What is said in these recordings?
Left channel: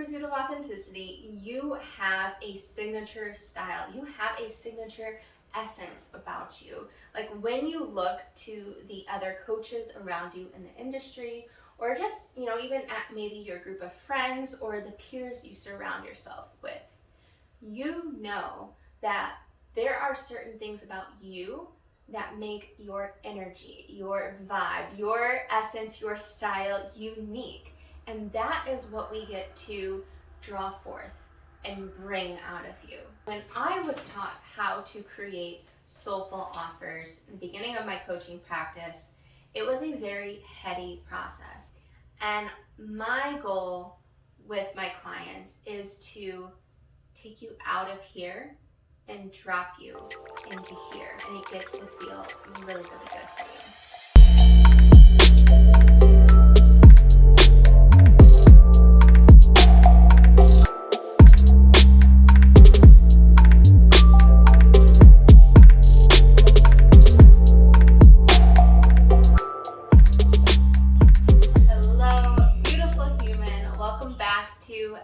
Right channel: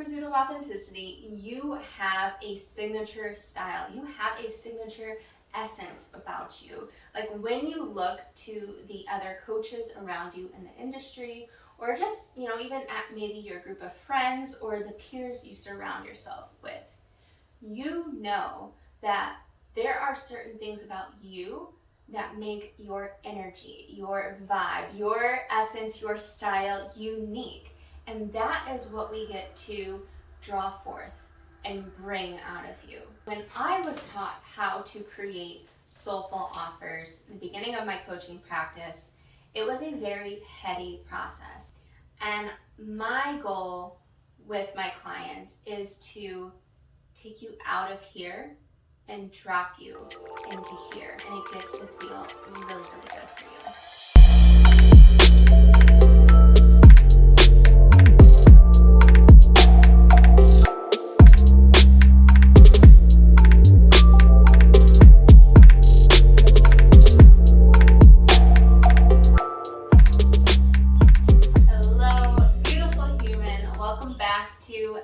Pursuit of Authenticity, you have a signature style. You have a signature essence about you. Like when you look to the other coaches around you in the industry, or just, even at maybe your group of friends or the peers you surround yourself with, you know that there are certain things about you that make your energy, your vibe, your essence, your style unique. And that is what we get to draw forth and bring out of you. When I was taught how to create soulful offers in the beginning of my coaching practice, it was a very heady process. And my goal with my clients is to take you out of here and drop you into here. And it gets to feel really, really good for you.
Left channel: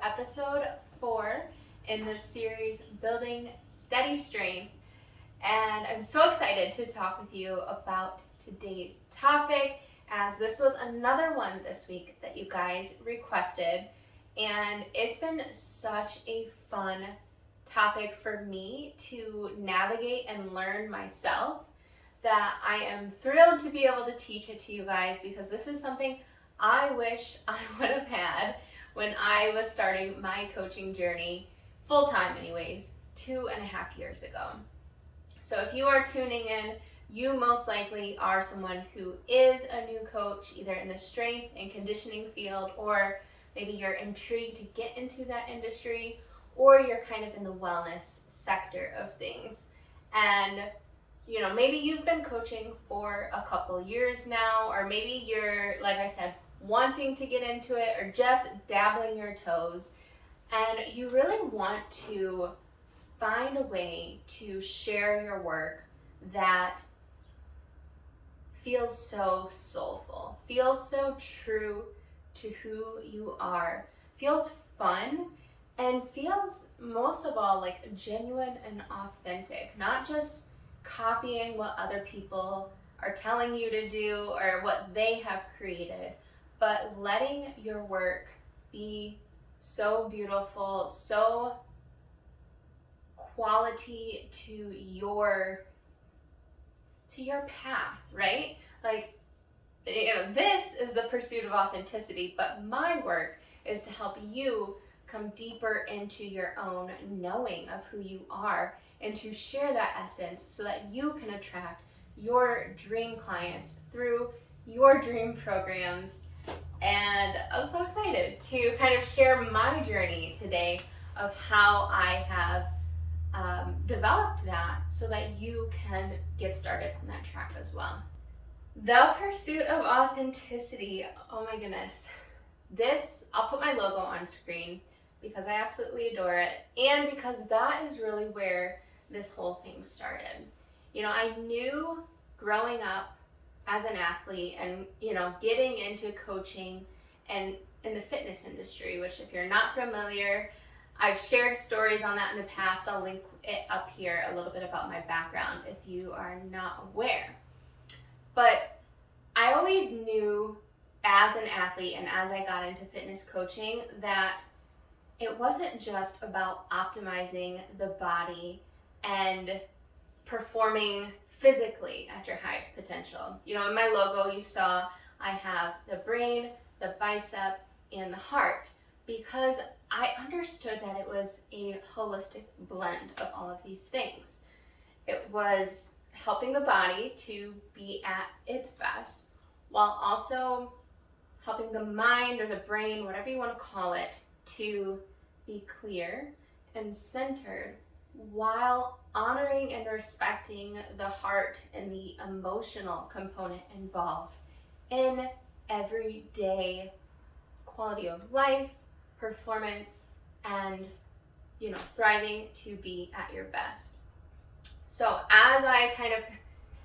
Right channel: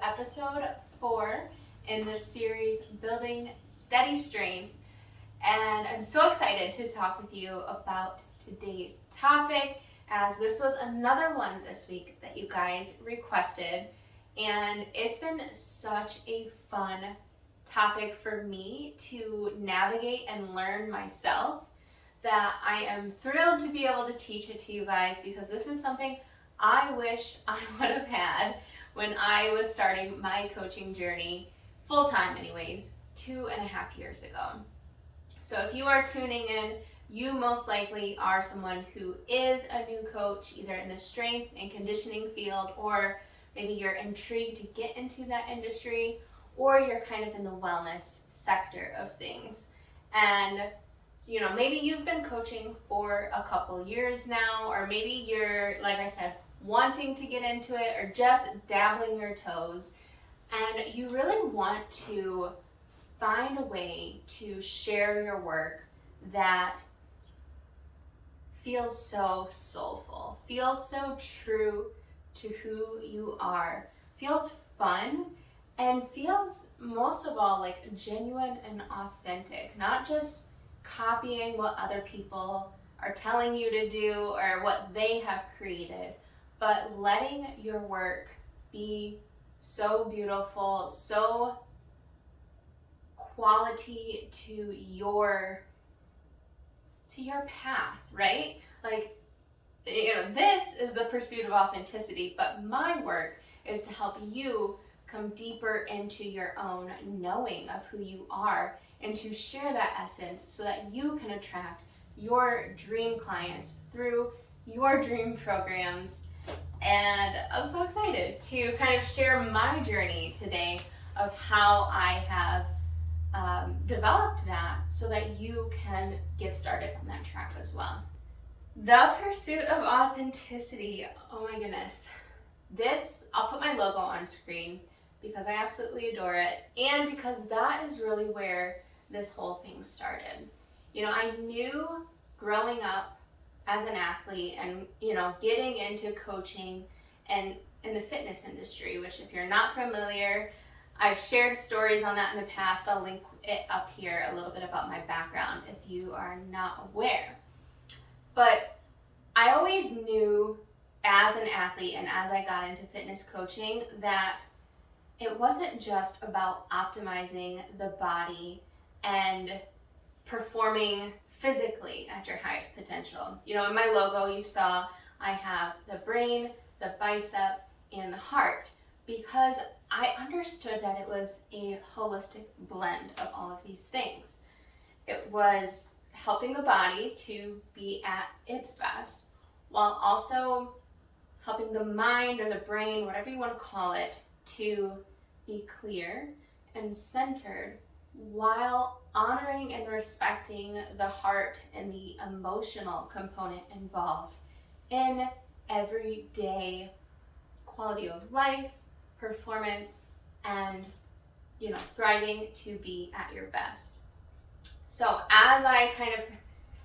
Episode 4 in this series, Building Steady Strength, and I'm so excited to talk with you about today's topic, as this was another one this week that you guys requested, and it's been such a fun topic for me to navigate and learn myself that I am thrilled to be able to teach it to you guys, because this is something I wish I would have had when I was starting my coaching journey, full-time anyways, 2.5 years ago. So if you are tuning in, you most likely are someone who is a new coach, either in the strength and conditioning field, or maybe you're intrigued to get into that industry, or you're kind of in the wellness sector of things. And maybe you've been coaching for a couple years now, or maybe you're, like I said, wanting to get into it, or just dabbling your toes, and you really want to find a way to share your work that feels so soulful, feels so true to who you are, feels fun, and feels most of all like genuine and authentic, not just copying what other people are telling you to do or what they have created, but letting your work be so beautiful, so quality to your path, right? Like, this is the pursuit of authenticity, but my work is to help you come deeper into your own knowing of who you are, and to share that essence so that you can attract your dream clients through your dream programs. And I'm so excited to kind of share my journey today of how I have developed that so that you can get started on that track as well. The pursuit of authenticity, oh my goodness. I'll put my logo on screen because I absolutely adore it, and because that is really where this whole thing started. I knew growing up as an athlete and, getting into coaching and in the fitness industry, which if you're not familiar, I've shared stories on that in the past. I'll link it up here, a little bit about my background if you are not aware. But I always knew as an athlete and as I got into fitness coaching that it wasn't just about optimizing the body and performing physically at your highest potential. In my logo you saw I have the brain, the bicep, and the heart, because I understood that it was a holistic blend of all of these things. It was helping the body to be at its best, while also helping the mind or the brain, whatever you want to call it, to be clear and centered, while honoring and respecting the heart and the emotional component involved in everyday quality of life, performance, and thriving to be at your best. So as I kind of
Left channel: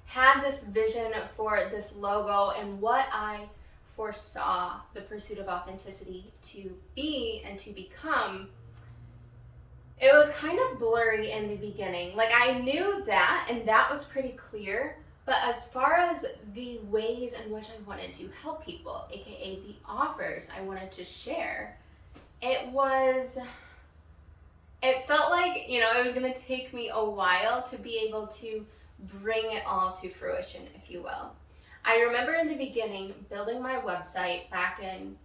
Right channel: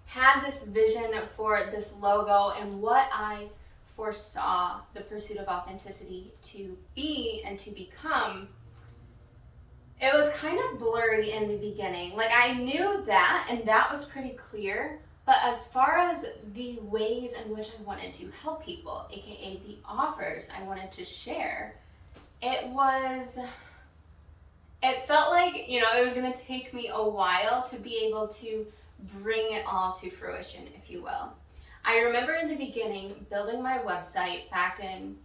had this vision for this logo and what I foresaw the pursuit of authenticity to be and to become, it was kind of blurry in the beginning. Like, I knew that, and that was pretty clear, but as far as the ways in which I wanted to help people, aka the offers I wanted to share, it felt like, you know, it was going to take me a while to be able to bring it all to fruition, if you will. I remember in the beginning building my website back in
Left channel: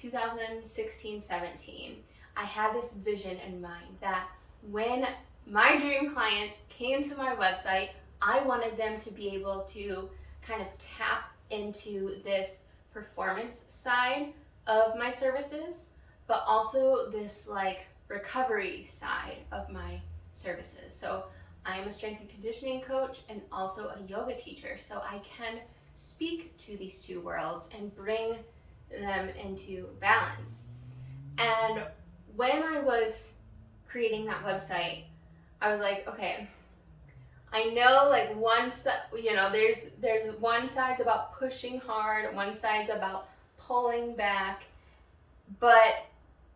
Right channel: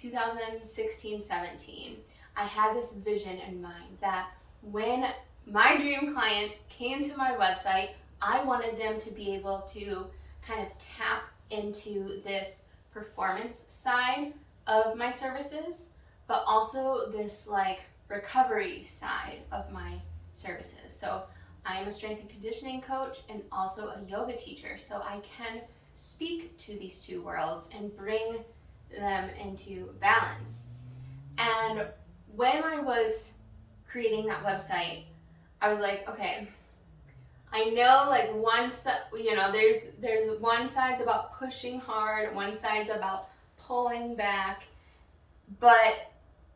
2016-17. I had this vision in mind that when my dream clients came to my website, I wanted them to be able to kind of tap into this performance side of my services, but also this like recovery side of my services. So I am a strength and conditioning coach and also a yoga teacher, so I can speak to these two worlds and bring them into balance. And when I was creating that website, I was like, okay, I know like there's one side's about pushing hard, one side's about pulling back, but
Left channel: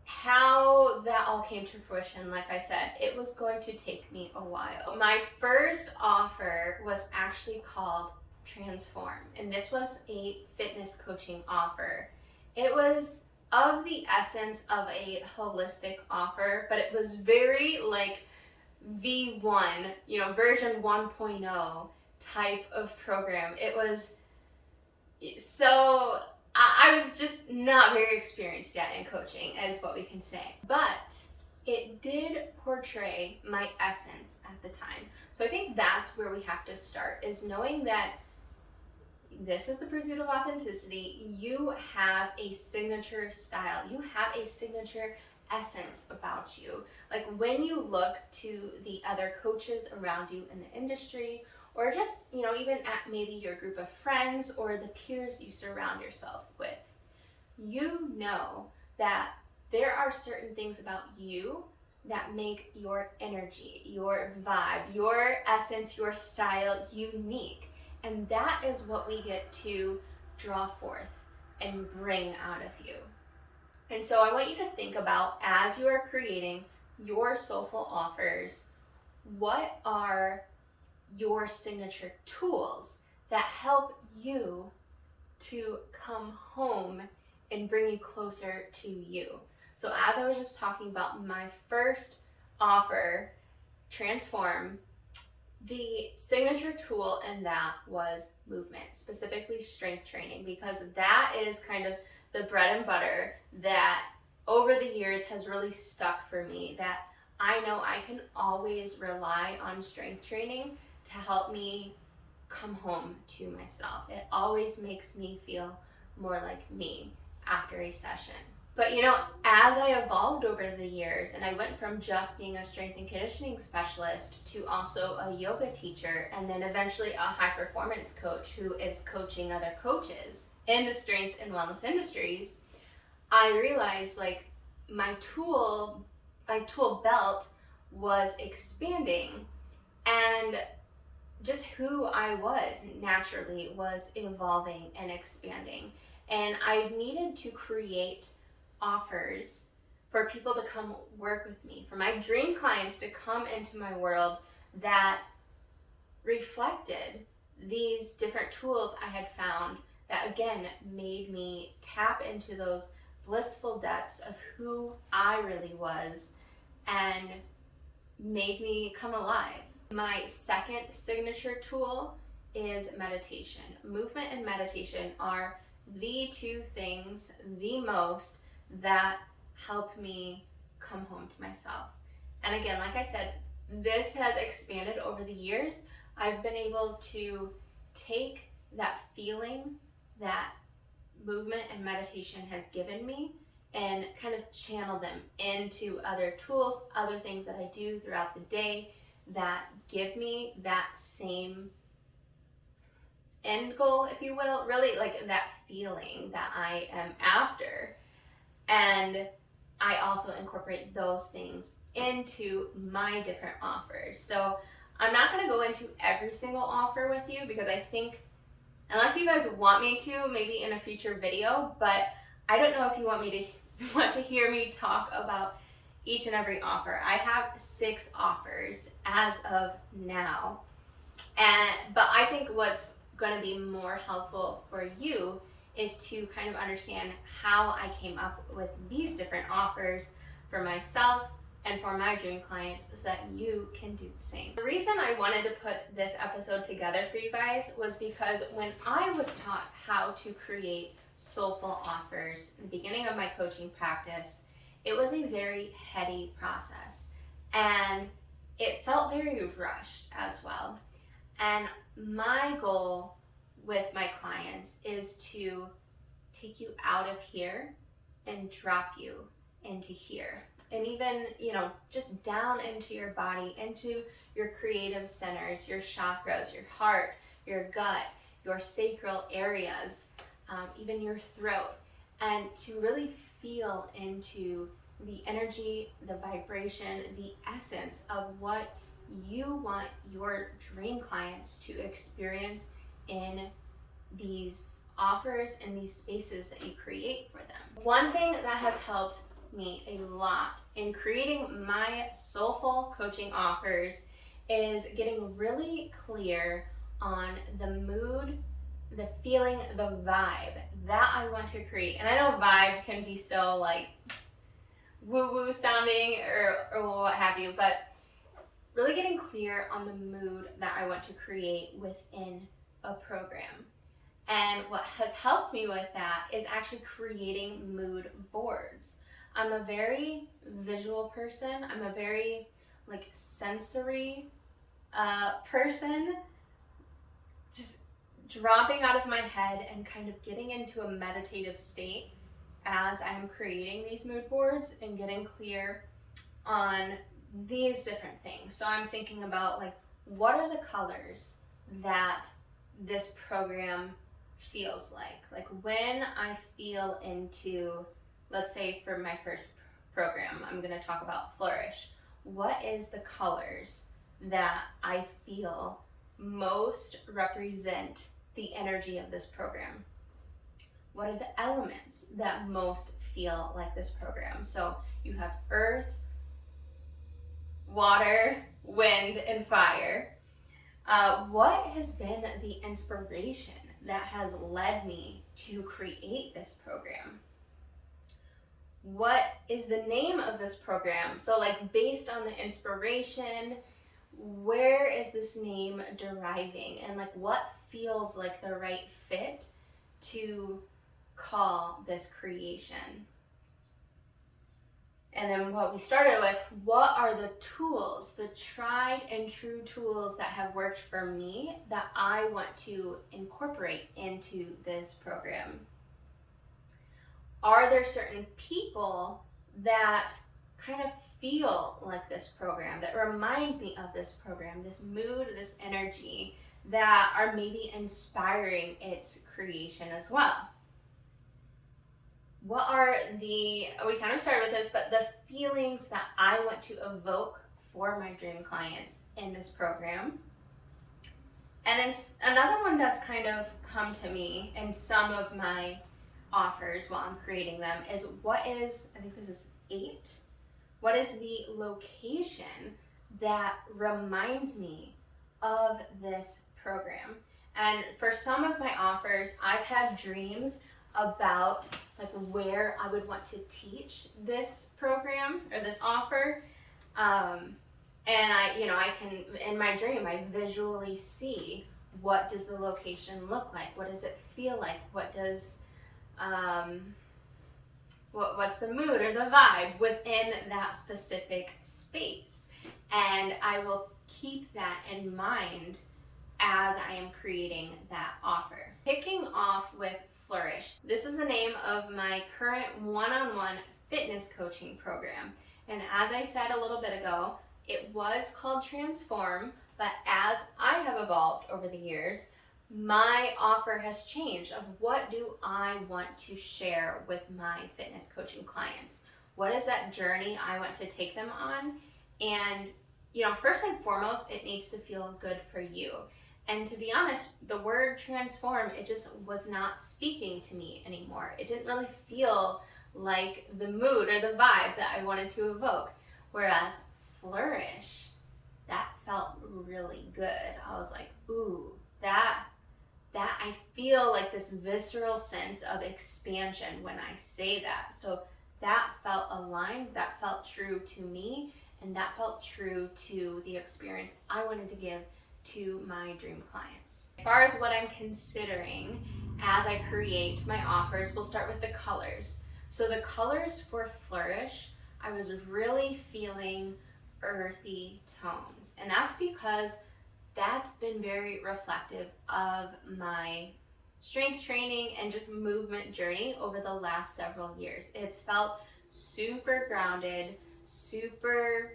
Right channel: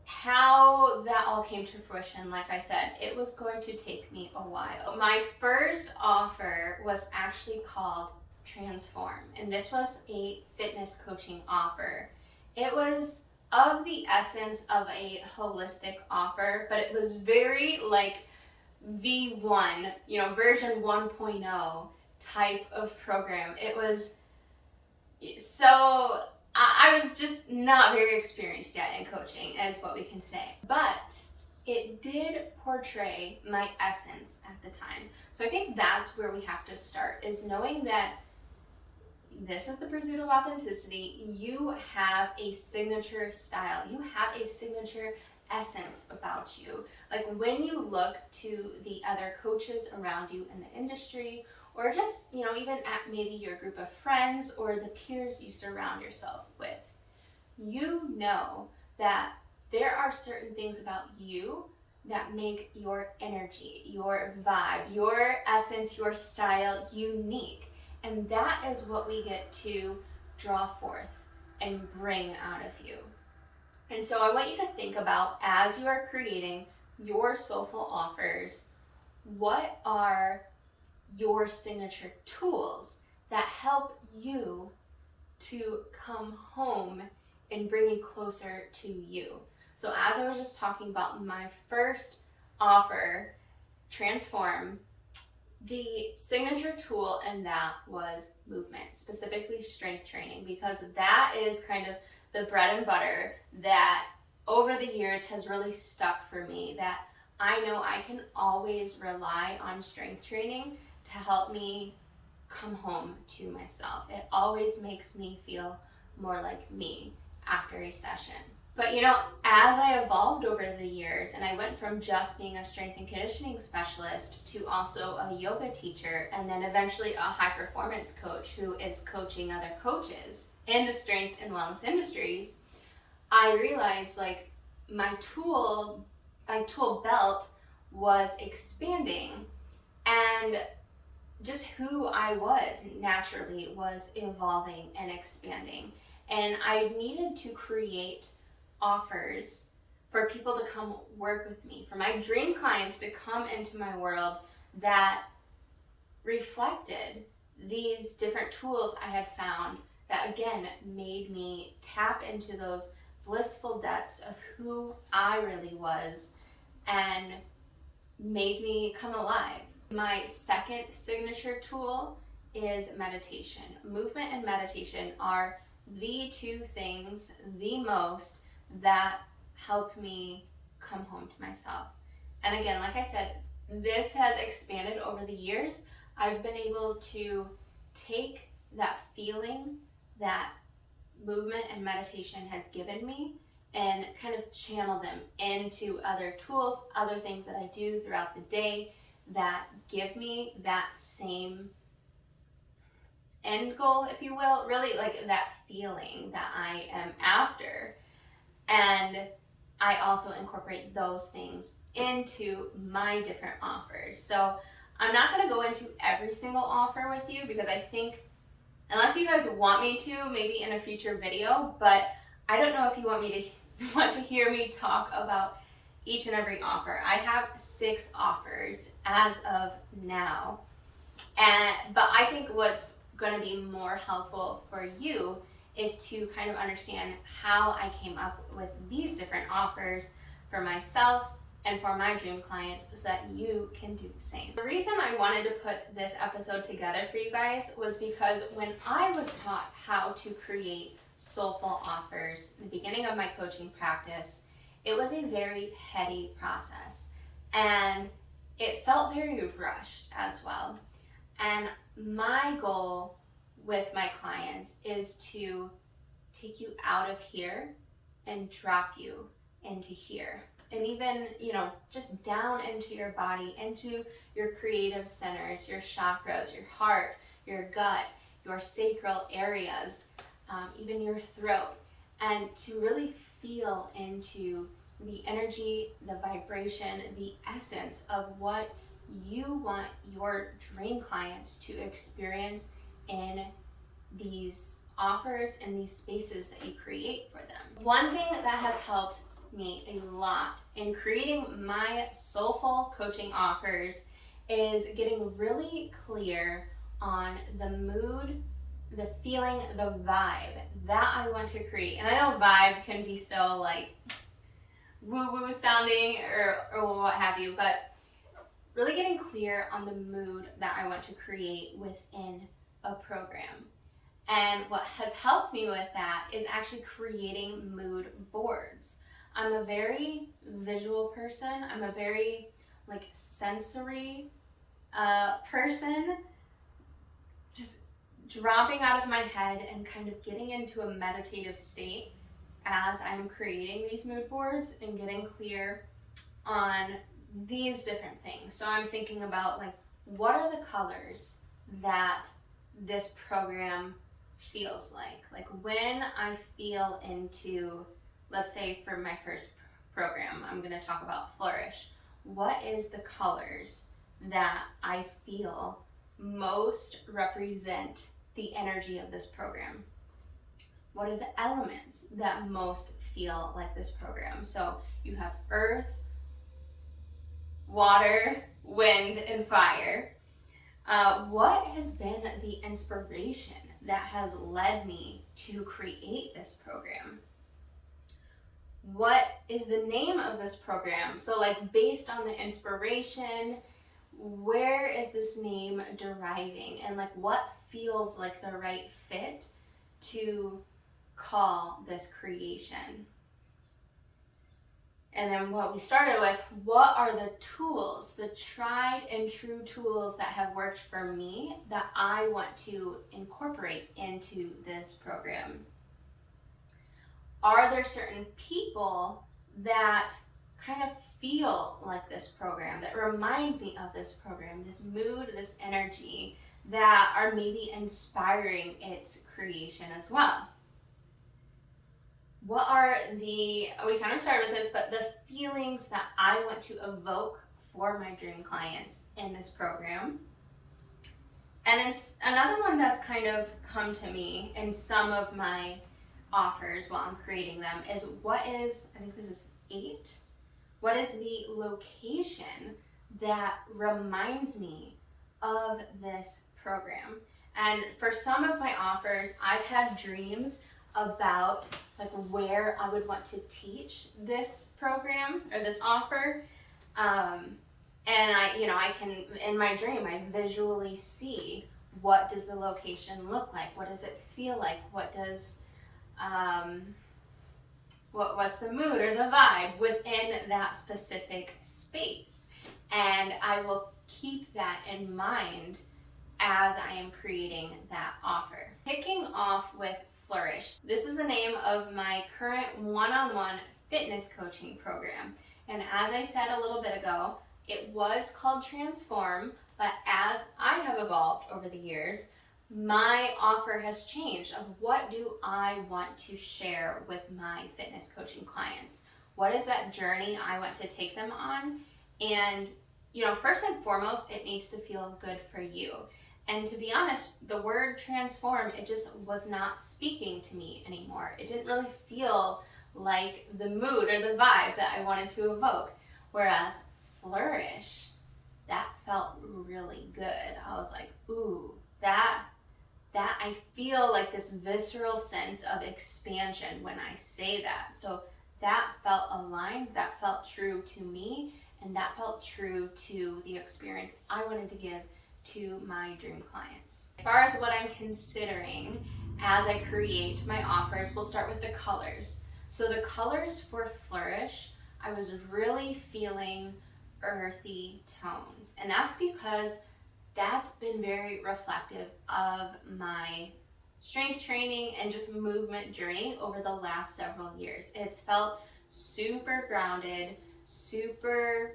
how that all came to fruition, like I said, it was going to take me a while. My first offer was actually called Transform, and this was a fitness coaching offer. It was of the essence of a holistic offer, but it was very like V1, version 1.0 type of program. It was so, I was just not very experienced yet in coaching, is what we can say. But it did portray my essence at the time. So I think that's where we have to start, is knowing that this is the pursuit of authenticity. You have a signature style. You have a signature essence about you. Like when you look to the other coaches around you in the industry, or just, even at maybe your group of friends or the peers you surround yourself with, you know that there are certain things about you that make your energy, your vibe, your essence, your style unique. And that is what we get to draw forth and bring out of you. And so I want you to think about, as you are creating your soulful offers, what are your signature tools that help you to come home and bring you closer to you. So as I was just talking about my first offer, Transform, the signature tool in that was movement, specifically strength training, because that is kind of the bread and butter that over the years has really stuck for me, that I know I can always rely on strength training to help me come home to myself. It always makes me feel more like me after a session. But as I evolved over the years, and I went from just being a strength and conditioning specialist to also a yoga teacher, and then eventually a high performance coach who is coaching other coaches in the strength and wellness industries, I realized like my tool belt was expanding, and just who I was naturally was evolving and expanding. And I needed to create offers for people to come work with me, for my dream clients to come into my world that reflected these different tools I had found that again made me tap into those blissful depths of who I really was and made me come alive. My second signature tool is meditation. Movement and meditation are the two things the most that help me come home to myself. And again, like I said, this has expanded over the years. I've been able to take that feeling that movement and meditation has given me and kind of channel them into other tools, other things that I do throughout the day that give me that same end goal, if you will, really like that feeling that I am after. And I also incorporate those things into my different offers. So I'm not going to go into every single offer with you, because I think unless you guys want me to, maybe in a future video, but I don't know if you want to hear me talk about each and every offer. I have 6 offers as of now. But I think what's going to be more helpful for you is to kind of understand how I came up with these different offers for myself and for my dream clients so that you can do the same. The reason I wanted to put this episode together for you guys was because when I was taught how to create soulful offers in the beginning of my coaching practice, it was a very heady process and it felt very rushed as well. And my goal with my clients is to take you out of here and drop you into here. And even, just down into your body, into your creative centers, your chakras, your heart, your gut, your sacral areas, even your throat, and to really feel into the energy, the vibration, the essence of what you want your dream clients to experience in these offers and these spaces that you create for them. One thing that has helped me a lot in creating my soulful coaching offers is getting really clear on the mood, the feeling, the vibe that I want to create. And I know vibe can be so like woo-woo sounding or what have you, but really getting clear on the mood that I want to create within a program. And what has helped me with that is actually creating mood boards. I'm a very visual person. I'm a very sensory person, just dropping out of my head and kind of getting into a meditative state as I'm creating these mood boards and getting clear on these different things. So I'm thinking about what are the colors that this program feels like when I feel into, let's say for my first program, I'm going to talk about Flourish. What is the colors that I feel most represent the energy of this program? What are the elements that most feel like this program? So you have earth, water, wind, and fire. What has been the inspiration that has led me to create this program? What is the name of this program? So based on the inspiration, where is this name deriving, and what feels like the right fit to call this creation? And then what we started with, what are the tools, the tried and true tools that have worked for me that I want to incorporate into this program? Are there certain people that kind of feel like this program, that remind me of this program, this mood, this energy, that are maybe inspiring its creation as well? What are we kind of started with this, but the feelings that I want to evoke for my dream clients in this program? And then another one that's kind of come to me in some of my offers while I'm creating them is I think this is 8. What is the location that reminds me of this program? And for some of my offers, I've had dreams about where I would want to teach this program or this offer. And I can, in my dream, I visually see what does the location look like? What does it feel like? What does, what's the mood or the vibe within that specific space? And I will keep that in mind as I am creating that offer. Kicking off with Flourish. This is the name of my current one-on-one fitness coaching program. And as I said a little bit ago, it was called Transform, but as I have evolved over the years, my offer has changed of what do I want to share with my fitness coaching clients? What is that journey I want to take them on? And, first and foremost, it needs to feel good for you. And to be honest, the word transform, it just was not speaking to me anymore. It didn't really feel like the mood or the vibe that I wanted to evoke. Whereas flourish, that felt really good. I was like, ooh, that I feel like this visceral sense of expansion when I say that. So that felt aligned, that felt true to me, and that felt true to the experience I wanted to give to my dream clients. As far as what I'm considering as I create my offers, we'll start with the colors. So the colors for Flourish, I was really feeling earthy tones. And that's because that's been very reflective of my strength training and just movement journey over the last several years. It's felt super grounded, super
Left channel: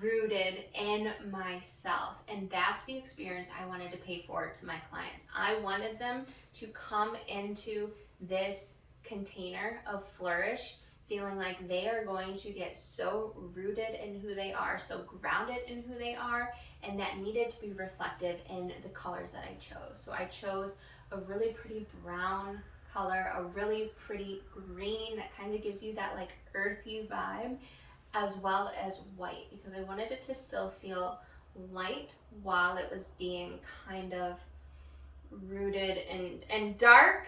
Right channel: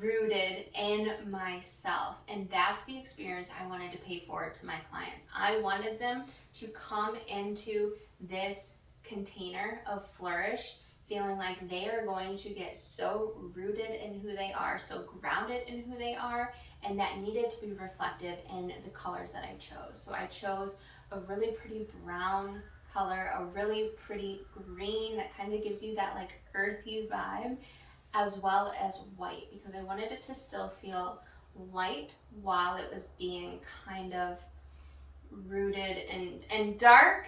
rooted in myself, and that's the experience I wanted to pay forward to my clients. I wanted them to come into this container of Flourish feeling like they are going to get so rooted in who they are, so grounded in who they are, and that needed to be reflective in the colors that I chose. So I chose a really pretty brown color, a really pretty green that kind of gives you that like earthy vibe, as well as white, because I wanted it to still feel light while it was being kind of rooted and dark,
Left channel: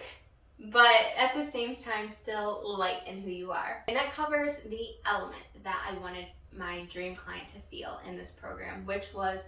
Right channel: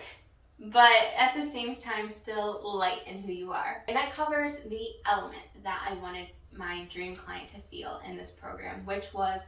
but at the same time still light in who you are. And that covers the element that I wanted my dream client to feel in this program, which was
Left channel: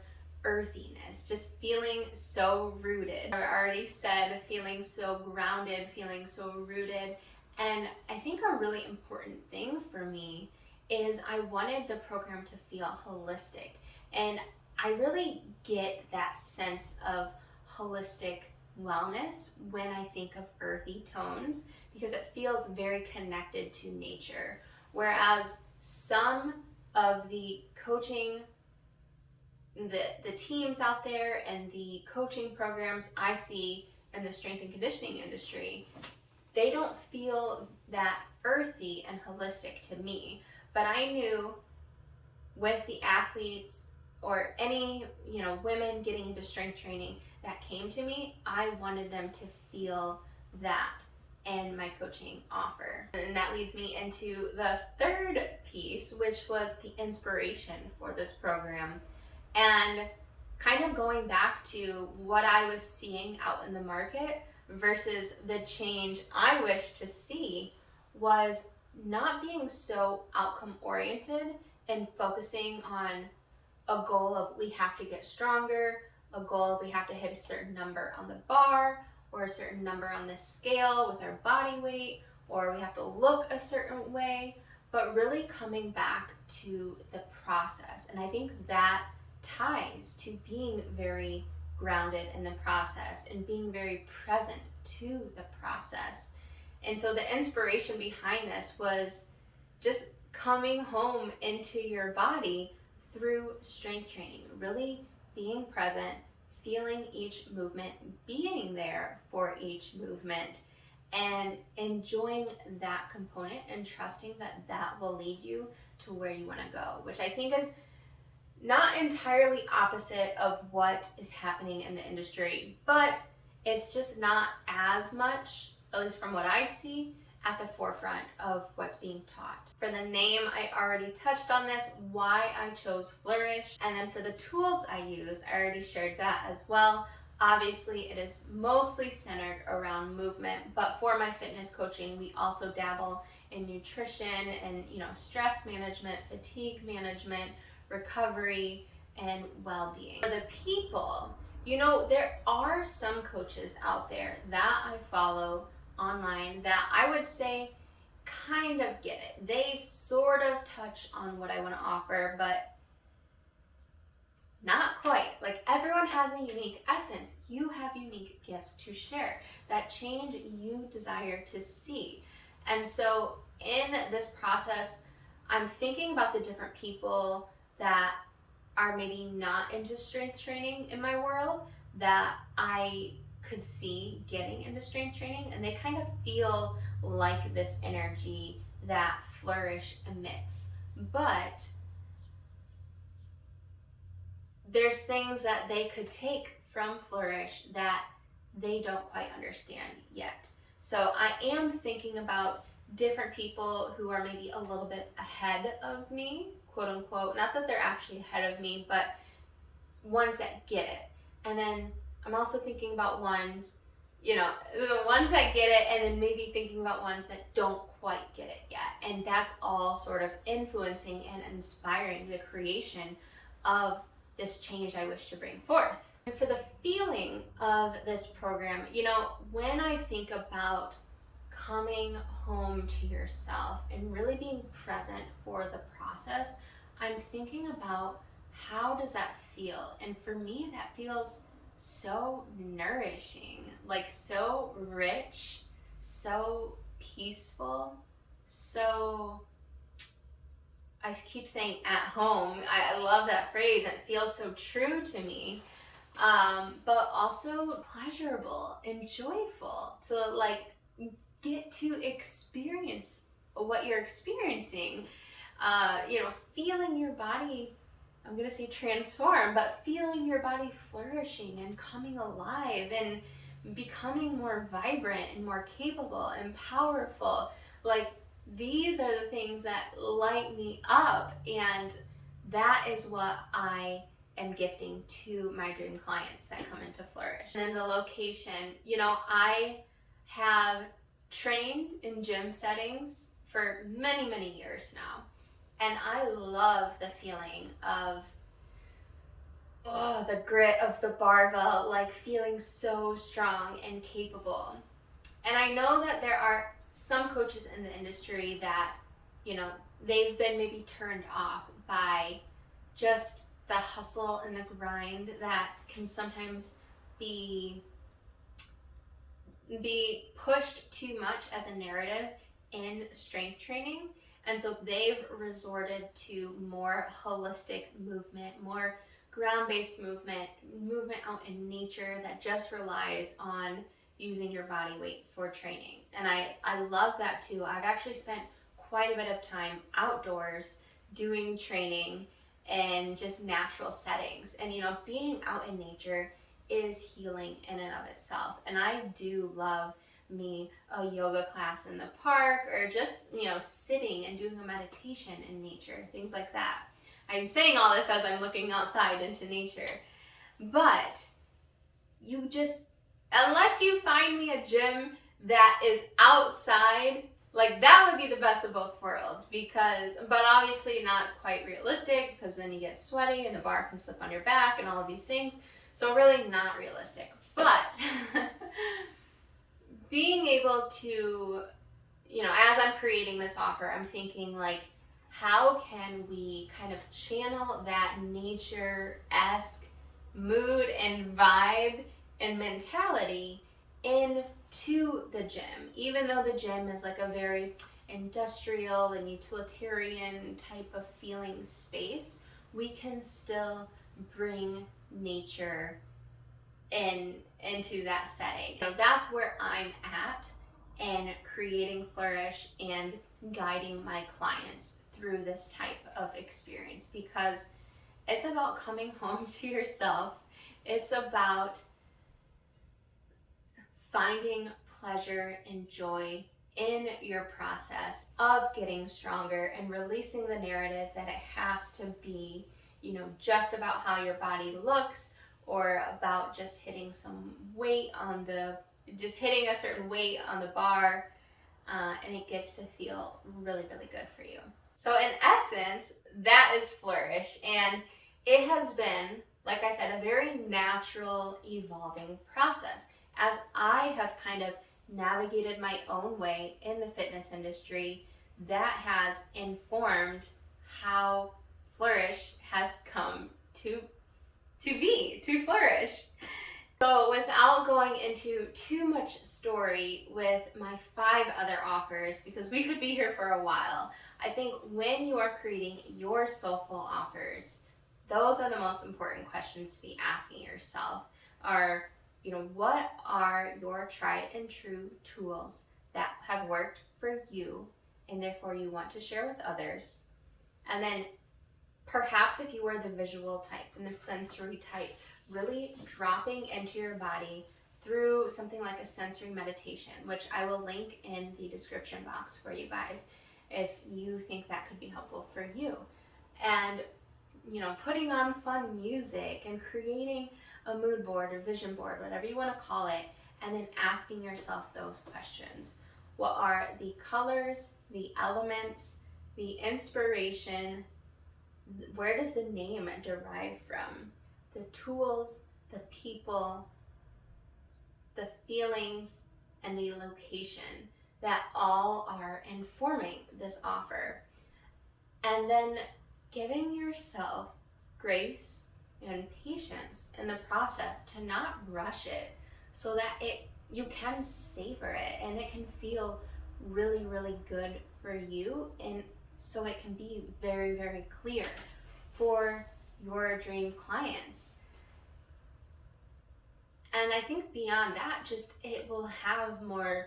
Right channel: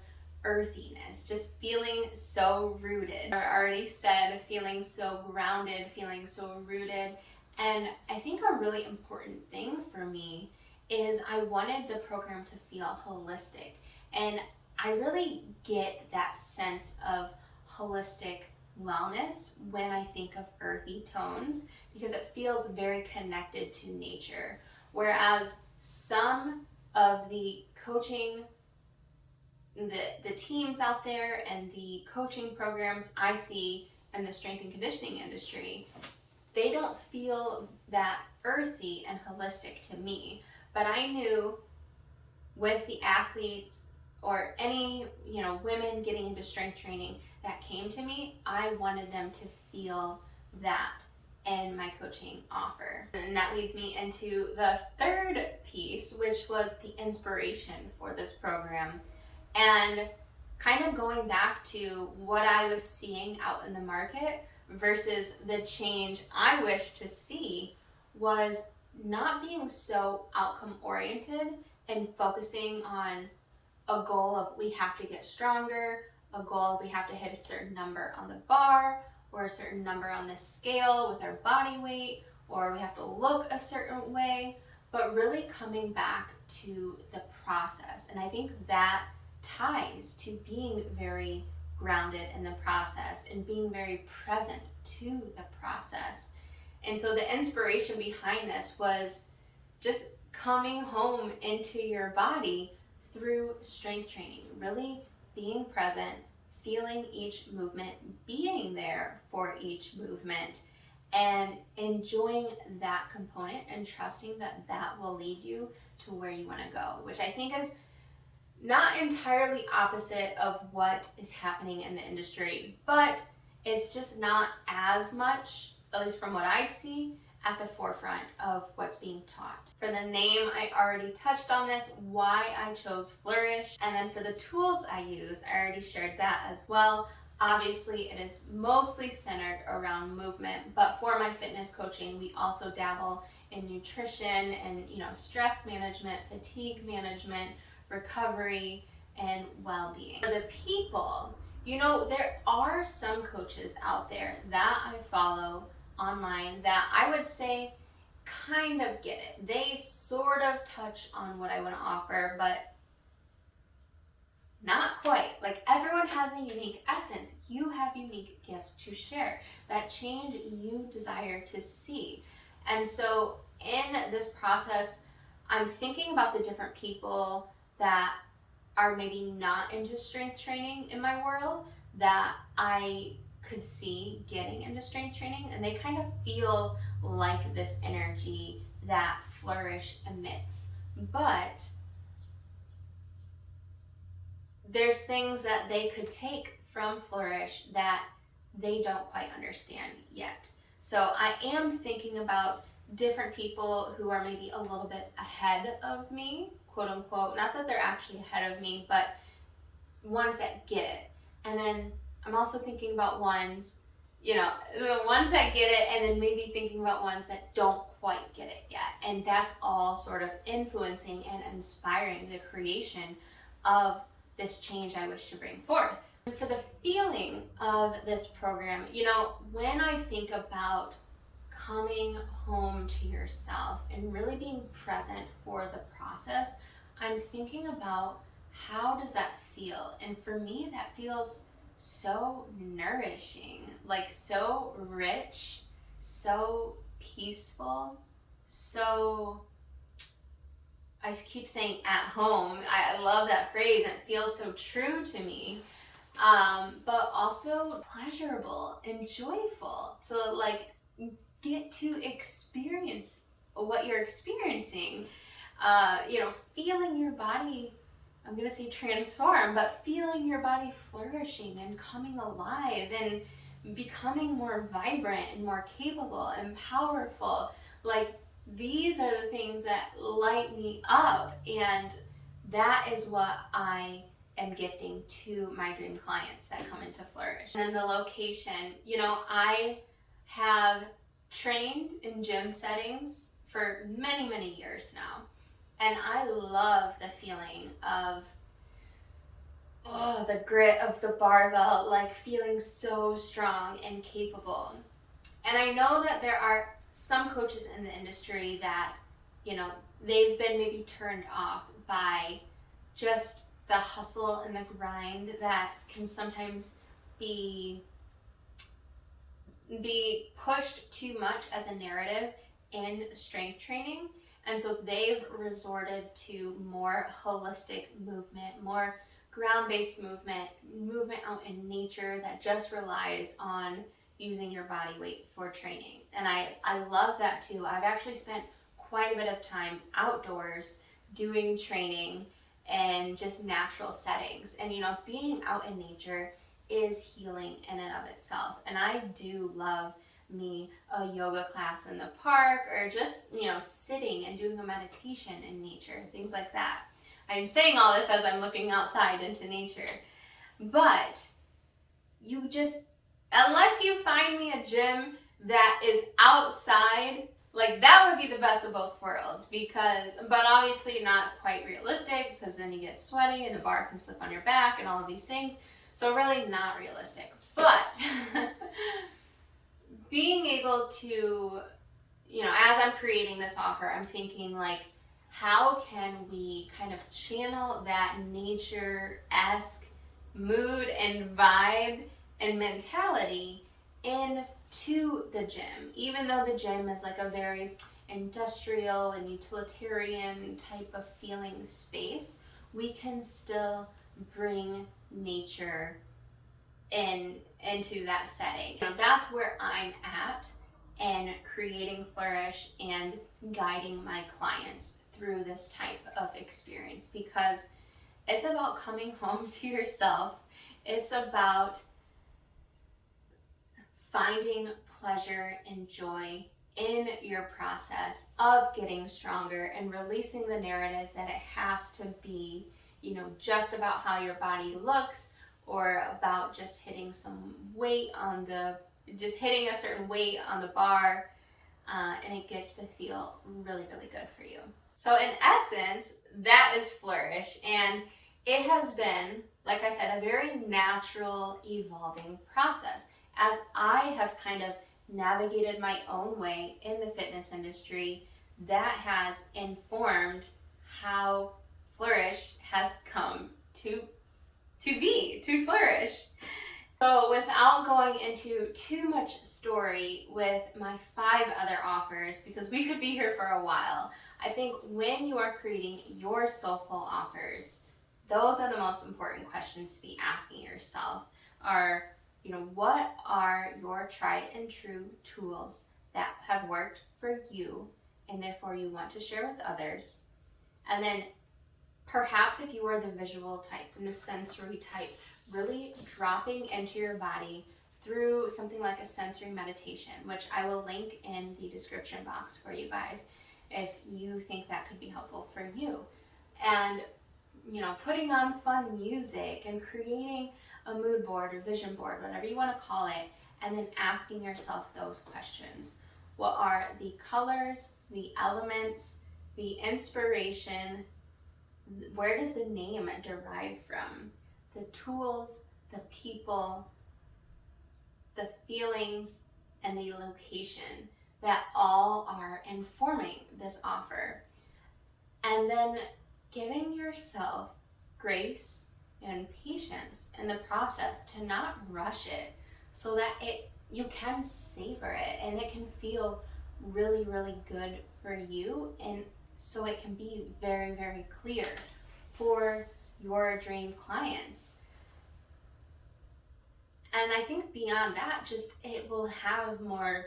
earthiness, just feeling so rooted. I already said feeling so grounded, feeling so rooted. And I think a really important thing for me is I wanted the program to feel holistic. And I really get that sense of holistic wellness when I think of earthy tones, because it feels very connected to nature. Whereas some of the coaching, the teams out there and the coaching programs I see in the strength and conditioning industry, they don't feel that earthy and holistic to me. But I knew with the athletes or any, women getting into strength training that came to me, I wanted them to feel that in my coaching offer. And that leads me into the third piece, which was the inspiration for this program. And kind of going back to what I was seeing out in the market versus the change I wish to see, was not being so outcome oriented and focusing on a goal of we have to get stronger, a goal of we have to hit a certain number on the bar or a certain number on the scale with our body weight, or we have to look a certain way, but really coming back to the process. And I think that ties to being very grounded in the process and being very present to the process. And so the inspiration behind this was just coming home into your body through strength training, really being present, feeling each movement, being there for each movement, and enjoying that component and trusting that that will lead you to where you want to go, which I think is not entirely opposite of what is happening in the industry, but it's just not as much, at least from what I see, at the forefront of what's being taught. For the name, I already touched on this, why I chose Flourish. And then for the tools I use, I already shared that as well. Obviously, it is mostly centered around movement, but for my fitness coaching, we also dabble in nutrition and, stress management, fatigue management, recovery, and well-being. For the people, there are some coaches out there that I follow online that I would say kind of get it. They sort of touch on what I want to offer, but not quite. Like, everyone has a unique essence. You have unique gifts to share, that change you desire to see. And so in this process, I'm thinking about the different people that are maybe not into strength training in my world that I could see getting into strength training, and they kind of feel like this energy that Flourish emits. But there's things that they could take from Flourish that they don't quite understand yet. So I am thinking about different people who are maybe a little bit ahead of me, quote unquote. Not that they're actually ahead of me, but ones that get it. And then I'm also thinking about ones, the ones that get it, and then maybe thinking about ones that don't quite get it yet. And that's all sort of influencing and inspiring the creation of this change I wish to bring forth. And for the feeling of this program, when I think about coming home to yourself and really being present for the process, I'm thinking about how does that feel? And for me, that feels so nourishing, like so rich, so peaceful, so, I keep saying at home. I love that phrase. It feels so true to me. But also pleasurable and joyful to get to experience what you're experiencing. Feeling your body, I'm gonna say transform, but feeling your body flourishing and coming alive and becoming more vibrant and more capable and powerful. These are the things that light me up, and that is what I am gifting to my dream clients that come into Flourish. And then the location, I have trained in gym settings for many, many years now. And I love the feeling of the grit of the barbell, feeling so strong and capable. And I know that there are some coaches in the industry that, they've been maybe turned off by just the hustle and the grind that can sometimes be pushed too much as a narrative in strength training. And so they've resorted to more holistic movement, more ground-based movement out in nature that just relies on using your body weight for training. And I love that too. I've actually spent quite a bit of time outdoors doing training and just natural settings. And being out in nature is healing in and of itself. And I do love me a yoga class in the park, or just sitting and doing a meditation in nature, things like that. I'm saying all this as I'm looking outside into nature, but unless you find me a gym that is outside, that would be the best of both worlds, but obviously not quite realistic, because then you get sweaty and the bar can slip on your back and all of these things. So really not realistic. But being able to, as I'm creating this offer, I'm thinking how can we kind of channel that nature-esque mood and vibe and mentality into the gym, even though the gym is a very industrial and utilitarian type of feeling space. We can still bring nature into that setting. That's where I'm at in creating Flourish and guiding my clients through this type of experience, because it's about coming home to yourself. It's about finding pleasure and joy in your process of getting stronger and releasing the narrative that it has to be, just about how your body looks, or about just hitting hitting a certain weight on the bar, and it gets to feel really, really good for you. So in essence, that is Flourish, and it has been, like I said, a very natural, evolving process. As I have kind of navigated my own way in the fitness industry, that has informed how Flourish has come to flourish. So without going into too much story with my 5 other offers, because we could be here for a while, I think when you are creating your soulful offers, those are the most important questions to be asking yourself. What are your tried and true tools that have worked for you and therefore you want to share with others? And then Perhaps if you are the visual type and the sensory type, really dropping into your body through something like a sensory meditation, which I will link in the description box for you guys if you think that could be helpful for you. And, you know, putting on fun music and creating a mood board or vision board, whatever you want to call it, and then asking yourself those questions. What are the colors, the elements, the inspiration? Where does the name derive from? The tools, the people, the feelings, and the location that all are informing this offer. And then giving yourself grace and patience in the process to not rush it, so that you can savor it and it can feel really, really good for you, and so it can be very, very clear for your dream clients. And I think beyond that, just it will have more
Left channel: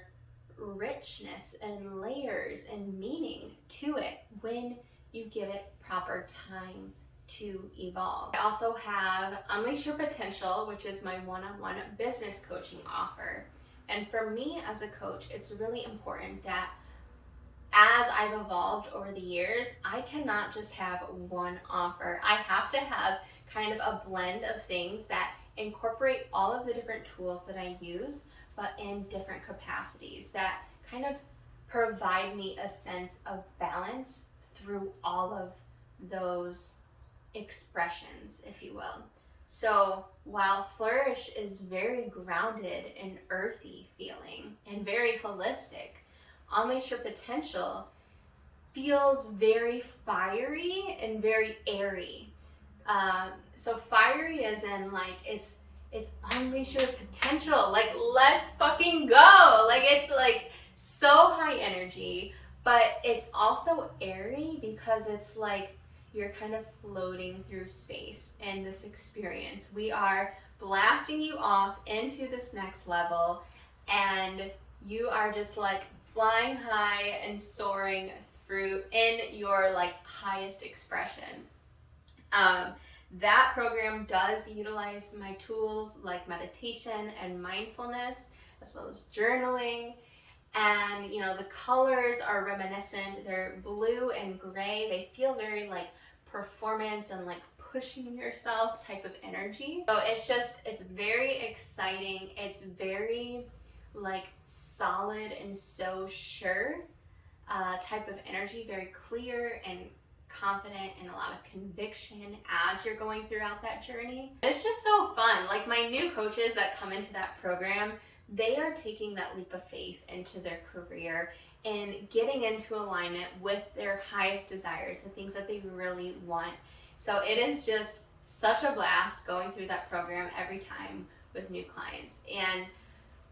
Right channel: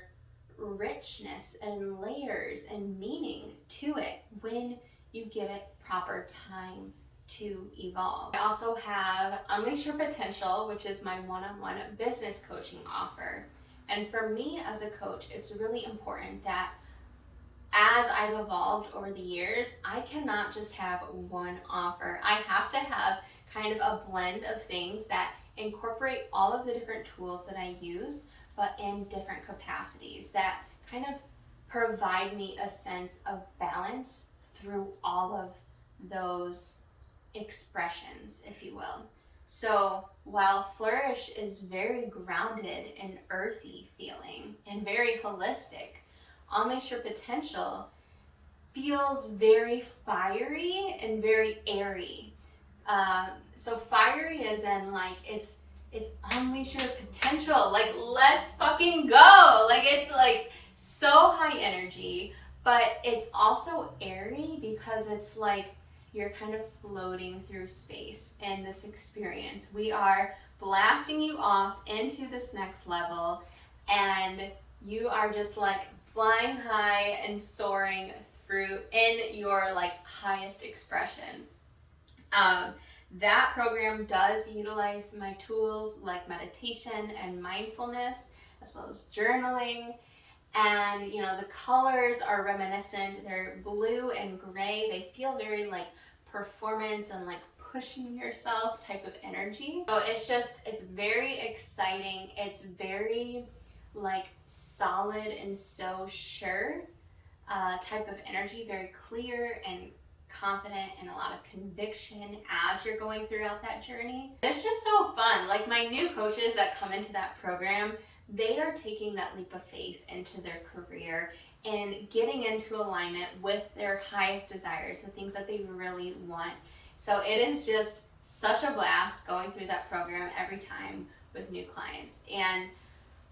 richness and layers and meaning to it when you give it proper time to evolve. I also have Unleash Your Potential, which is my one-on-one business coaching offer. And for me as a coach, it's really important that as I've evolved over the years, I cannot just have one offer. I have to have kind of a blend of things that incorporate all of the different tools that I use, but in different capacities that kind of provide me a sense of balance through all of those expressions, if you will. So while Flourish is very grounded and earthy feeling and very holistic, Unleash Your Potential feels very fiery and very airy. So fiery as in like it's unleash your potential, like let's fucking go. Like it's like so high energy, but it's also airy because it's like you're kind of floating through space in this experience. We are blasting you off into this next level, and you are just like flying high and soaring through in your like highest expression. That program does utilize my tools like meditation and mindfulness, as well as journaling. And you know, the colors are reminiscent. They're blue and gray. They feel very like performance and like pushing yourself type of energy. So it's very exciting. It's very like solid and so sure type of energy, very clear and confident and a lot of conviction as you're going throughout that journey. It's just so fun. Like my new coaches that come into that program, they are taking that leap of faith into their career and getting into alignment with their highest desires, the things that they really want. So it is just such a blast going through that program every time with new clients. And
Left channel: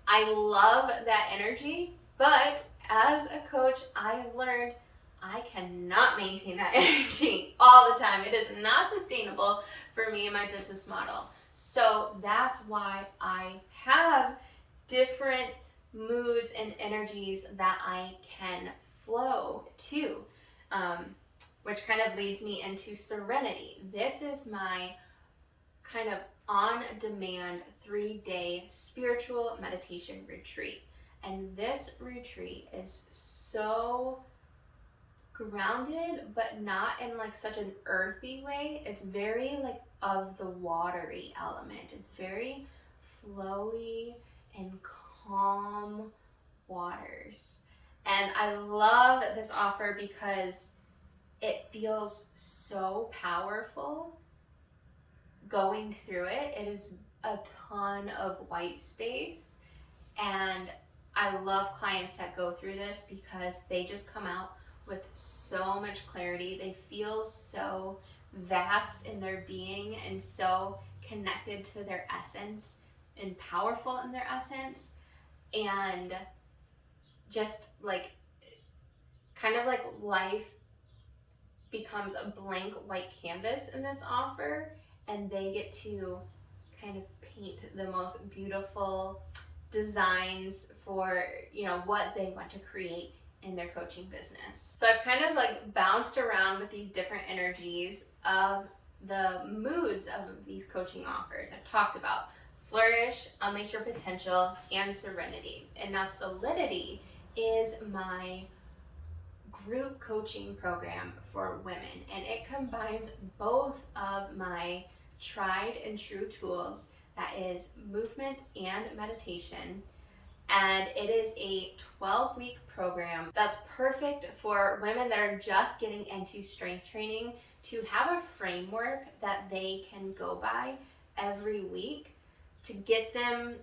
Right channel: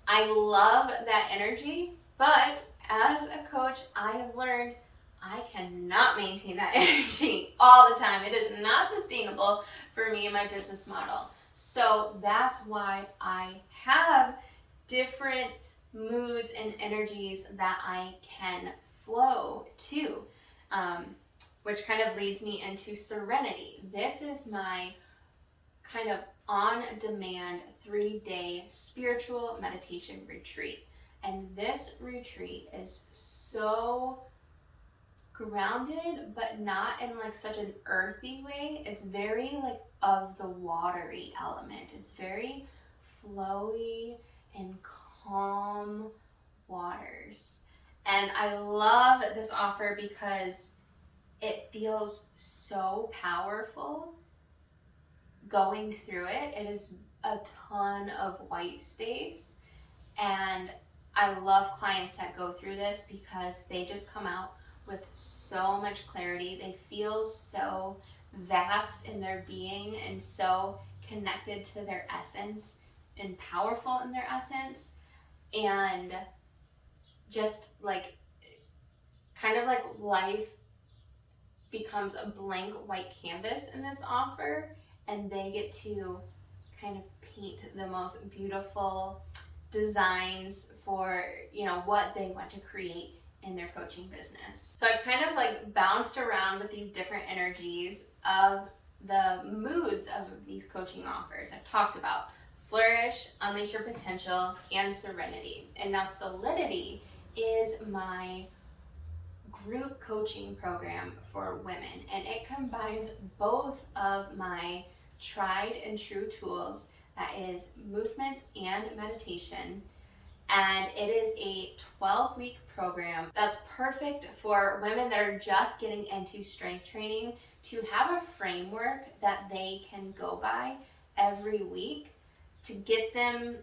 I love that energy, but as a coach, I have learned I cannot maintain that energy all the time. It is not sustainable for me and my business model. So that's why I have different moods and energies that I can flow to, which kind of leads me into Serenity. This is my kind of on-demand 3-day spiritual meditation retreat. And this retreat is so grounded, but not in like such an earthy way. It's very like of the watery element. It's very flowy and calm waters. And I love this offer because it feels so powerful going through it. It is a ton of white space, and I love clients that go through this because they just come out with so much clarity. They feel so vast in their being and so connected to their essence and powerful in their essence, and just like kind of like life becomes a blank white canvas in this offer, and they get to kind of paint the most beautiful designs for, you know, what they want to create in their coaching business. So I've kind of like bounced around with these different energies of the moods of these coaching offers. I've talked about Flourish, Unleash Your Potential, and Serenity. And now Solidity is my group coaching program for women, and it combines both of my tried and true tools, that is movement and meditation. And it is a 12-week program that's perfect for women that are just getting into strength training, to have a framework that they can go by every week to get them,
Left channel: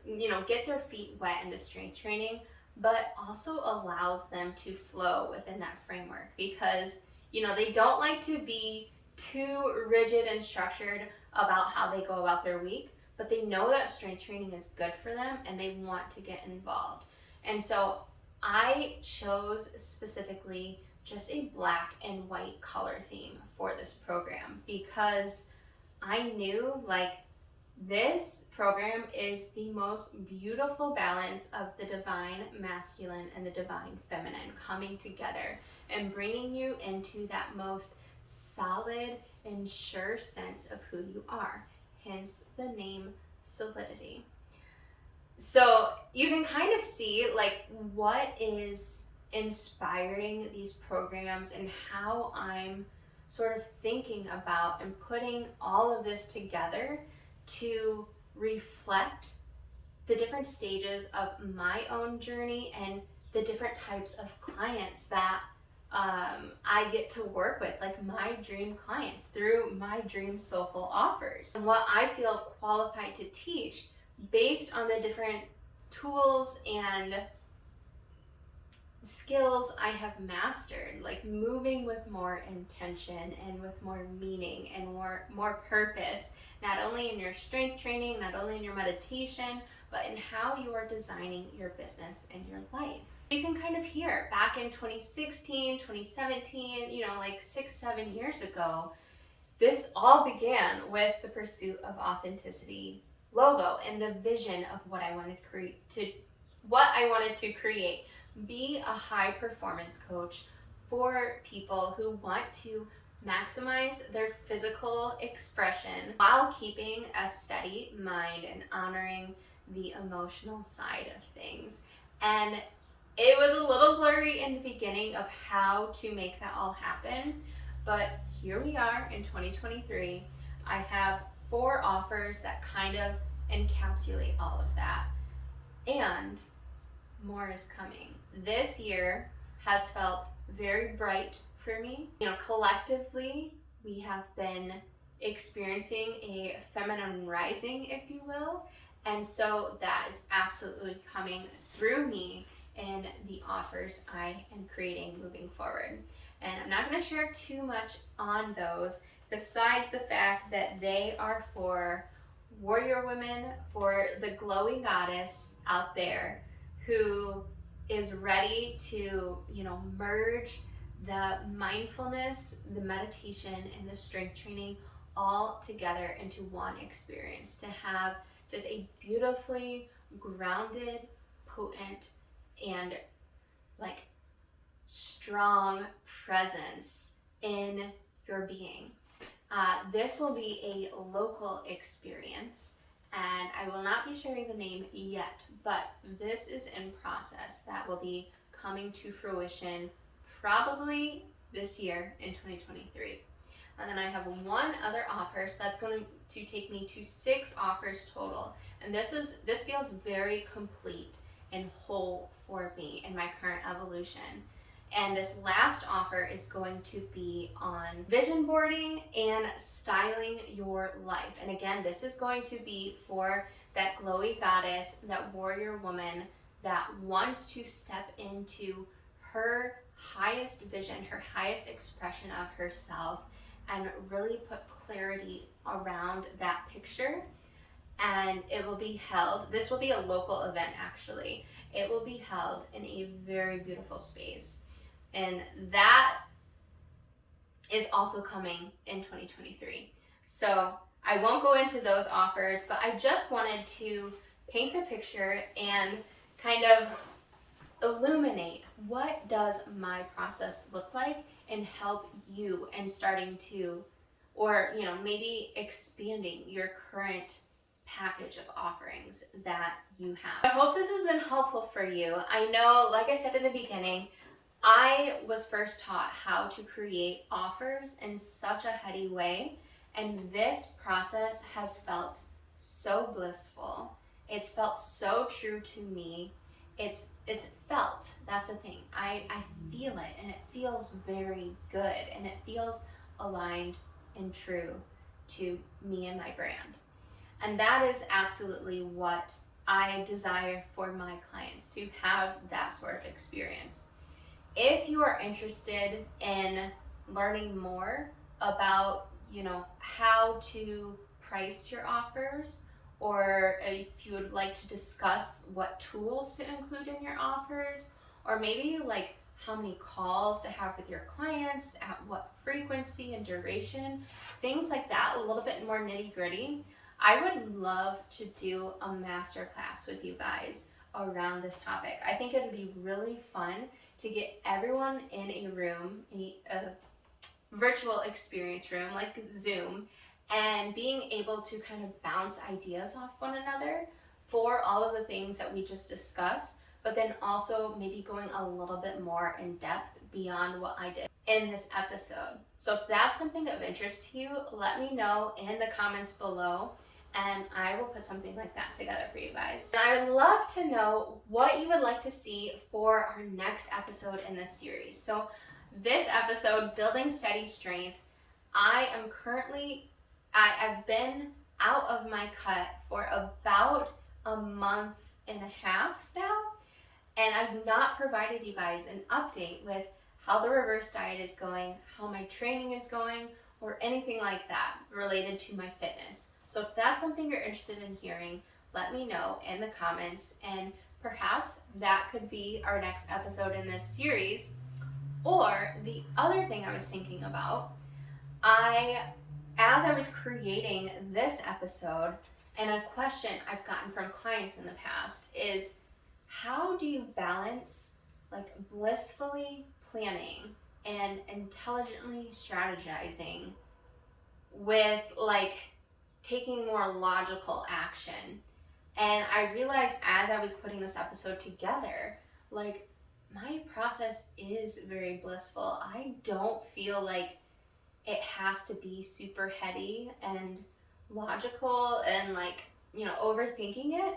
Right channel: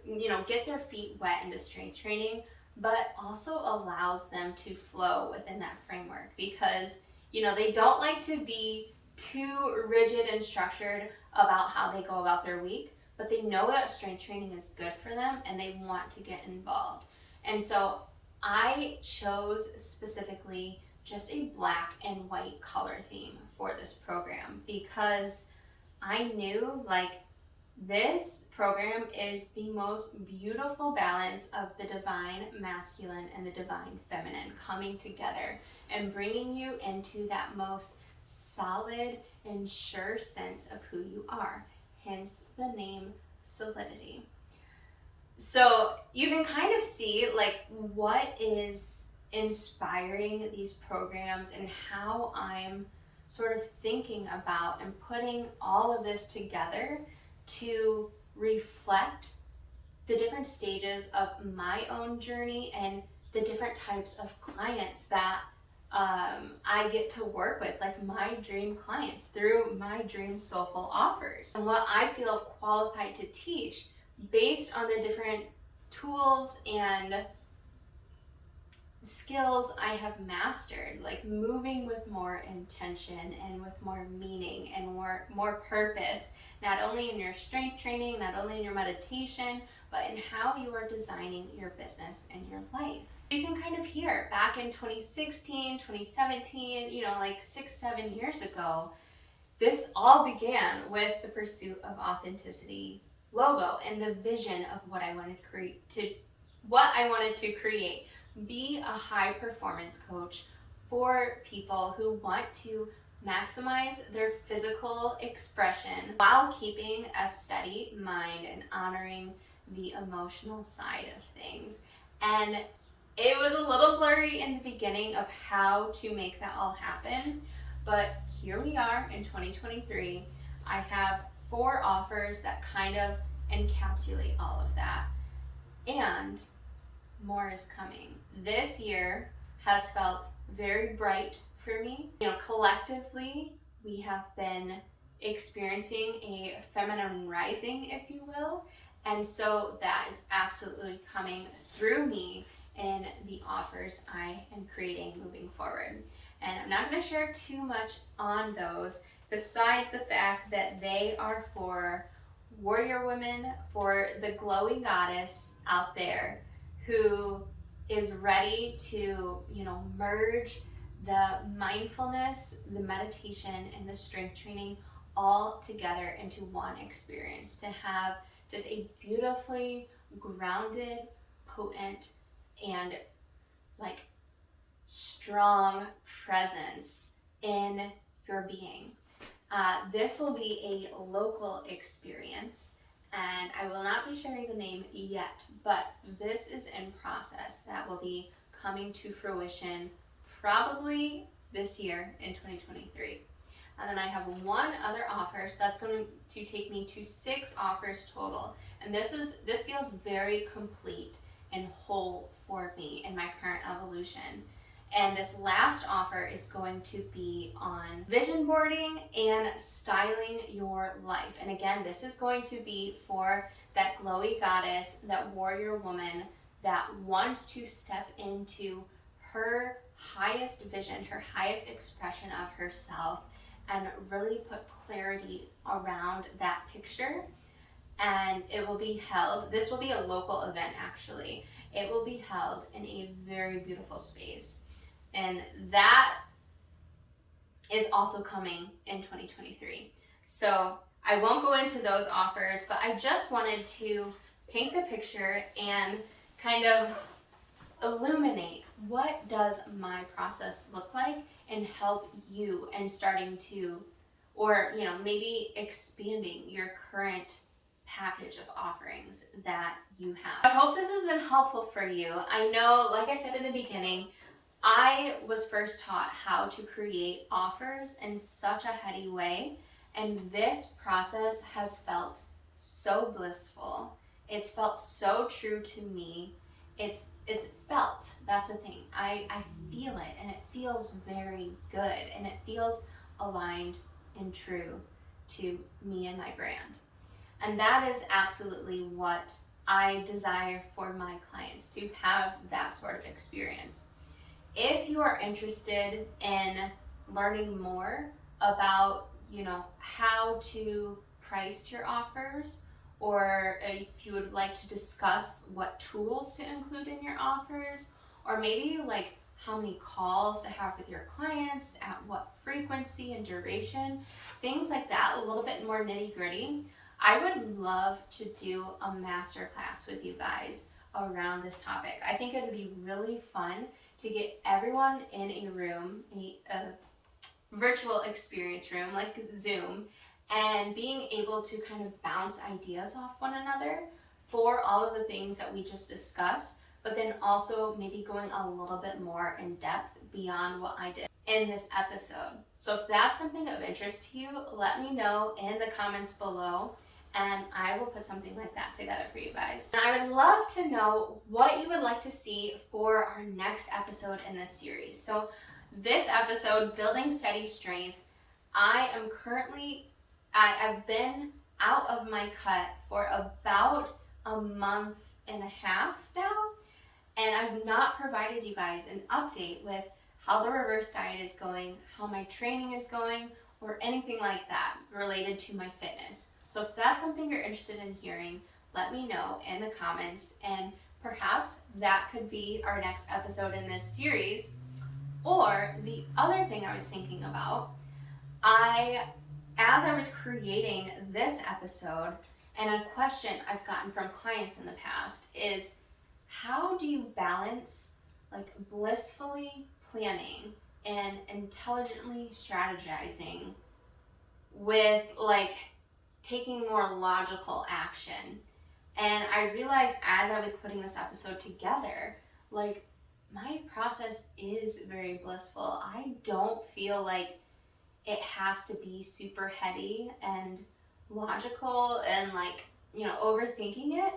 get their feet wet into strength training, but also allows them to flow within that framework, because they don't like to be too rigid and structured about how they go about their week, but they know that strength training is good for them and they want to get involved. And so I chose specifically just a black and white color theme for this program, because I knew this program is the most beautiful balance of the divine masculine and the divine feminine coming together and bringing you into that most solid and sure sense of who you are, hence the name Solidity. So you can kind of see what is inspiring these programs and how I'm sort of thinking about and putting all of this together to reflect the different stages of my own journey and the different types of clients that I get to work with, like my dream clients through my dream soulful offers, and what I feel qualified to teach based on the different tools and skills I have mastered, like moving with more intention and with more meaning and more purpose, not only in your strength training, not only in your meditation, but in how you are designing your business and your life. You can kind of hear back in 2016, 2017, 6-7 years ago, this all began with the Pursuit of Authenticity logo and the vision of what I wanted to create. Be a high performance coach for people who want to maximize their physical expression while keeping a steady mind and honoring the emotional side of things. And it was a little blurry in the beginning of how to make that all happen, but here we are in 2023. I have 4 offers that kind of encapsulate all of that, and more is coming. This year has felt very bright for me. Collectively, we have been experiencing a feminine rising, if you will, and so that is absolutely coming through me in the offers I am creating moving forward. And I'm not going to share too much on those, besides the fact that they are for warrior women, for the glowy goddess out there who is ready to, merge the mindfulness, the meditation, and the strength training all together into one experience, to have just a beautifully grounded, potent, and strong presence in your being. This will be a local experience, and I will not be sharing the name yet, but this is in process. That will be coming to fruition probably this year in 2023. And then I have one other offer, so that's going to take me to 6 offers total. And this feels very complete and whole for me in my current evolution. And this last offer is going to be on vision boarding and styling your life. And again, this is going to be for that glowy goddess, that warrior woman that wants to step into her highest vision, her highest expression of herself, and really put clarity around that picture. And it will be held, this will be a local event actually. It will be held in a very beautiful space. And that is also coming in 2023. So I won't go into those offers, but I just wanted to paint the picture and kind of illuminate what does my process look like and help you in starting to, or maybe expanding your current package of offerings that you have. I hope this has been helpful for you. I know, like I said in the beginning, I was first taught how to create offers in such a heady way, and this process has felt so blissful. It's felt so true to me. It's felt, that's the thing. I feel it, and it feels very good, and it feels aligned and true to me and my brand. And that is absolutely what I desire for my clients, to have that sort of experience. If you are interested in learning more about, how to price your offers, or if you would like to discuss what tools to include in your offers, or maybe like how many calls to have with your clients, at what frequency and duration, things like that, a little bit more nitty-gritty, I would love to do a masterclass with you guys around this topic. I think it would be really fun to get everyone in a room, a virtual experience room like Zoom, and being able to kind of bounce ideas off one another for all of the things that we just discussed, but then also maybe going a little bit more in depth beyond what I did in this episode. So if that's something of interest to you, let me know in the comments below, and I will put something like that together for you guys. And I would love to know what you would like to see for our next episode in this series. So this episode, Building Steady Strength, I've been out of my cut for about a month and a half now, and I've not provided you guys an update with how the reverse diet is going, how my training is going, or anything like that related to my fitness. So if that's something you're interested in hearing, let me know in the comments, and perhaps that could be our next episode in this series. Or the other thing I was thinking about, as I was creating this episode, and a question I've gotten from clients in the past is, how do you balance like blissfully planning and intelligently strategizing with like taking more logical action? And I realized as I was putting this episode together, like, my process is very blissful. I don't feel like it has to be super heady and logical and like, overthinking it.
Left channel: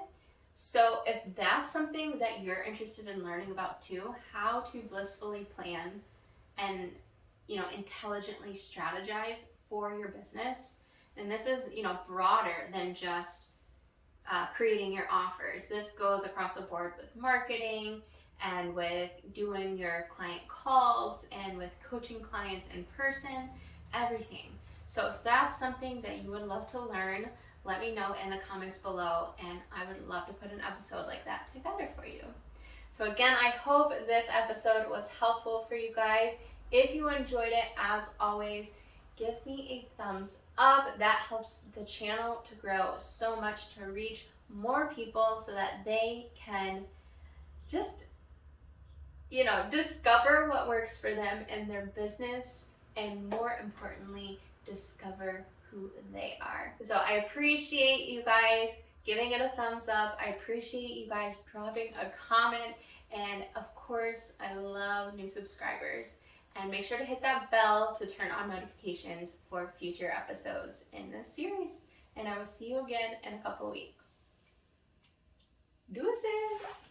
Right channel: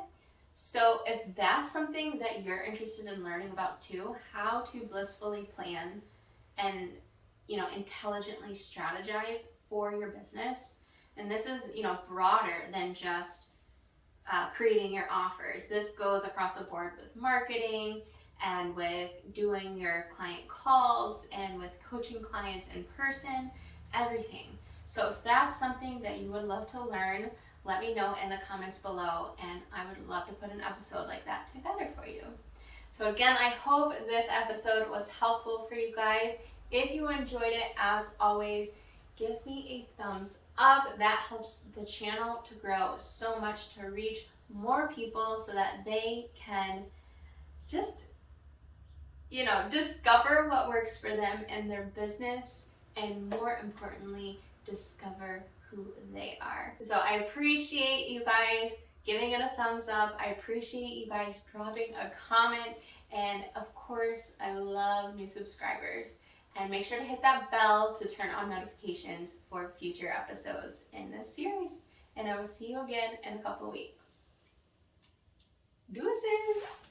So if that's something that you're interested in learning about too, how to blissfully plan and, intelligently strategize for your business, and this is, broader than just creating your offers. This goes across the board with marketing, and with doing your client calls, and with coaching clients in person, everything. So if that's something that you would love to learn, let me know in the comments below, and I would love to put an episode like that together for you. So again, I hope this episode was helpful for you guys. If you enjoyed it, as always, give me a thumbs up. That helps the channel to grow so much, to reach more people so that they can just discover what works for them in their business, and more importantly, discover who they are. So I appreciate you guys giving it a thumbs up. I appreciate you guys dropping a comment, and of course, I love new subscribers. And make sure to hit that bell to turn on notifications for future episodes in this series. And I will see you again in a couple weeks. Deuces!